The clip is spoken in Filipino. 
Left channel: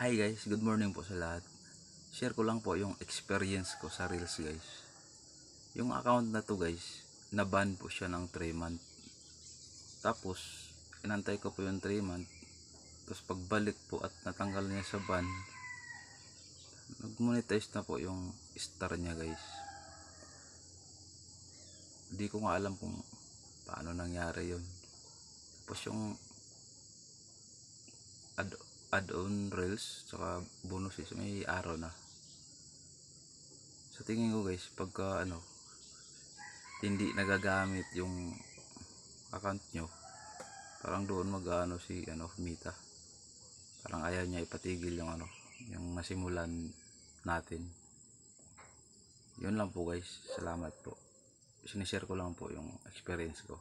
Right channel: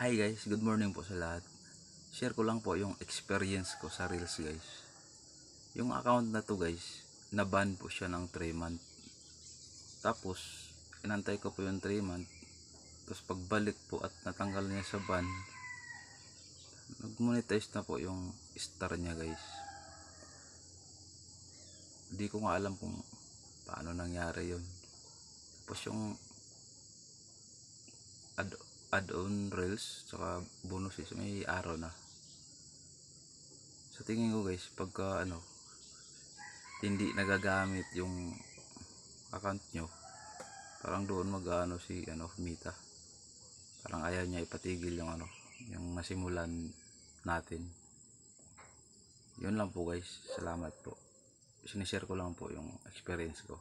Hi guys, good morning po sa lahat. Share ko lang po yung experience ko sa Reels guys. Yung account na to guys, na-ban po siya ng 3 month. Tapos, inantay ko po yung 3 month. Tapos pagbalik po at natanggal niya sa ban, nag-monetize na po yung star niya guys. Hindi ko nga alam kung paano nangyari yun. Tapos yung add-on Reels, saka bonus is may araw na. Sa tingin ko guys, pagka hindi nagagamit yung account nyo, parang doon mag-ano si Mita, parang ayaw niya ipatigil yung nasimulan natin. Yun lang po guys, salamat po. Sinishare ko lang po yung experience ko.